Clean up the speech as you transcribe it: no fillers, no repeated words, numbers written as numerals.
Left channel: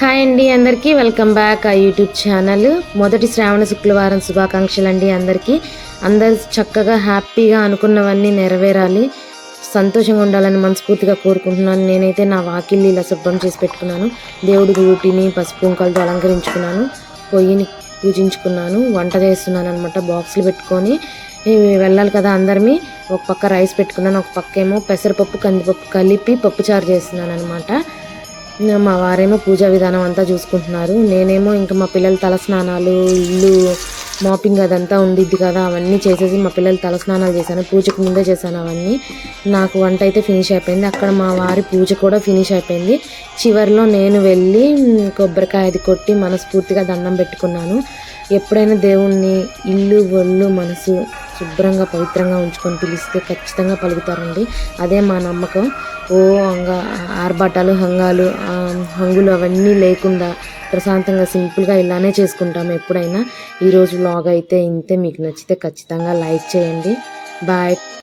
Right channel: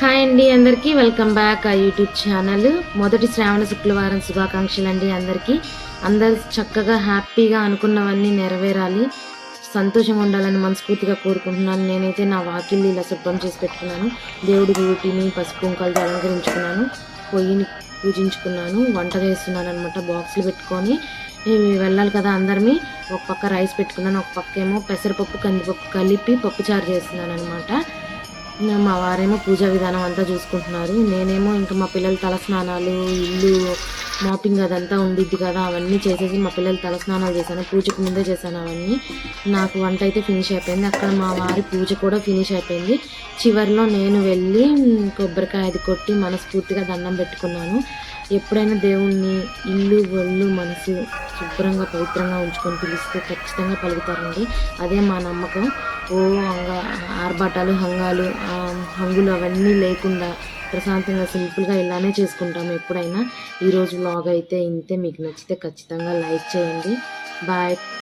Hi అండి అందరికీ welcome back ఆ యూట్యూబ్ ఛానల్. మొదటి శ్రావణ శుక్రవారం శుభాకాంక్షలు అండి అందరికీ. అందరు చక్కగా హ్యాపీగా అనుకున్నవన్నీ నెరవేరాలి, సంతోషంగా ఉండాలని మనస్ఫూర్తిగా కోరుకుంటున్నాను. నేనైతే నా వాకిల్ని ఇలా శుభ్రం చేసి పెట్టుకున్నాను. దేవుడి గూటిని పసుపు కుంకాలతో అలంకరించుకున్నాను. పొయ్యిని పూజించుకున్నాను. వంట చేస్తున్నాను అనమాట. బాక్సులు పెట్టుకొని వెళ్ళాలి కదా అందరినీ. ఒక పక్క రైస్ పెట్టుకున్నాను, ఒక పక్క ఏమో పెసరపప్పు కందిపప్పు కలిపి పప్పుచారు చేస్తున్నాను అనమాట. మా వారేమో పూజా విధానం అంతా చూసుకుంటున్నారు. నేనేమో ఇంకా మా పిల్లల తలస్నానాలు, ఇల్లు మాపింగ్ అదంతా ఉండిద్ది కదా, అవన్నీ చేసేసి మా పిల్లలు తలస్నానాలు చేశాను. పూజకు ముందే చేశాను అవన్నీ. నాకు వంట అయితే ఫినిష్ అయిపోయింది. అక్కడ మా వారి పూజ కూడా ఫినిష్ అయిపోయింది. చివరిలో నేను వెళ్ళి కొబ్బరికాయ అది కొట్టి మనస్ఫూర్తిగా దండం పెట్టుకున్నాను. ఎప్పుడైనా దేవుణ్ణి ఇల్లు ఒళ్ళు మనసు శుభ్రంగా పవిత్రంగా ఉంచుకొని పిలిస్తే ఖచ్చితంగా పలుకుతారండి. అదే మా నమ్మకం. ఓ ఆర్భాటాలు హంగులు అవన్నీ లేకుండా ప్రశాంతంగా సింపుల్గా ఇలానే చేసుకుంటాము ఎప్పుడైనా. ఈరోజు వ్లాగ్ అయితే ఇంతే. మీకు నచ్చితే ఖచ్చితంగా లైక్ చేయండి. బాయ్.